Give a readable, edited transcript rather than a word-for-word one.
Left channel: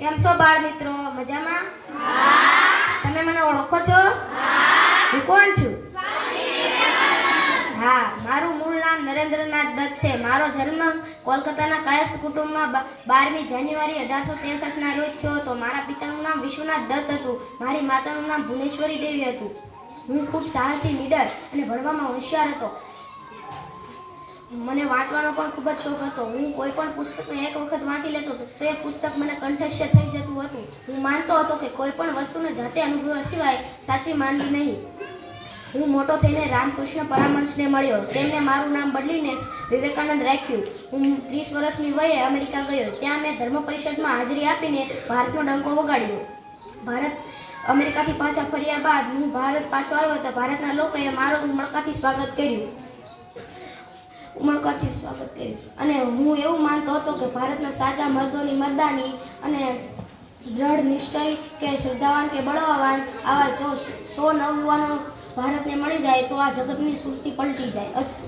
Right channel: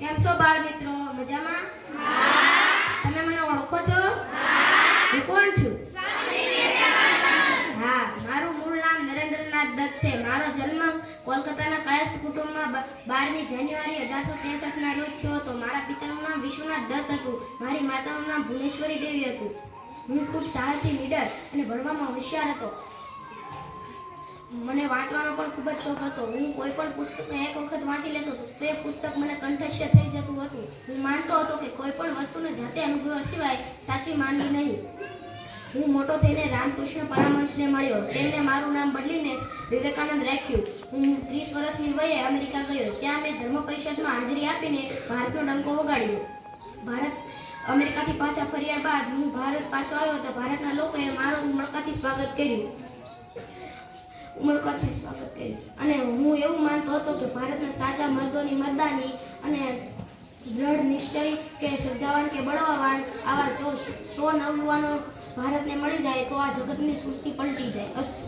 કેમ છો બાળ મિત્રો? મજામાં? હા. તમે મને ઓળખો છો? હા. હું કોણ છું? હા, મારું મૂળ નામ નરેન્દ્રનાથ દત્ત છે. મારો જન્મ કોલકાતાના કાયસ્થ કુટુંબમાં 12મી જાન્યુઆરી 1863ના રોજ થયો હતો. મારા પિતાનું નામ વિશ્વનાથ દત્ત હતું. મારી માતાનું નામ ભુવનેશ્વરી દેવી હતું. હું ખૂબ સાહસી, નીડર અને ભણવામાં હોશિયાર હતો. મને વાંચવાનો પણ ખૂબ જ શોખ હતો. હું કોઈ પણ પુસ્તકને એક વખત વાંચી લેતો તો તે પુસ્તક મને કંઠસ્થ થઈ જતું હતું. હું માનતો હતો કે કોઈ પણ વસ્તુને જાતે અનુભવ્યા સિવાય સાચી માનવી નહીં. હું મોટો થઈને રામકૃષ્ણ પરમહંસને મળ્યો. તેમણે મારું નામ બદલીને વિવેકાનંદ રાખ્યું. હું 30 વર્ષની વયે અમેરિકા ગયો. ત્યાં મેં ધર્મ પરિષદમાં હાજરી આપીને ભારતનો ડંકો વગાડ્યો. અમેરિકાથી પાછા ફર્યા બાદ હું ભારત પાછો આવ્યો તો ભારતના લોકોએ મારું ઉમળકાથી સ્વાગત કર્યું. અને હું એવું માનતો હતો કે ભારતના સાચા મર્દોની મર્દાની અને દ્રઢ નિશ્ચય કે શ્રદ્ધાવાન કે બળવાન આવા જો 100 નવયુવાનો ભારતને મળી જાય તો આ જગતની સુરતી પલટી જાય. અસ્તુ.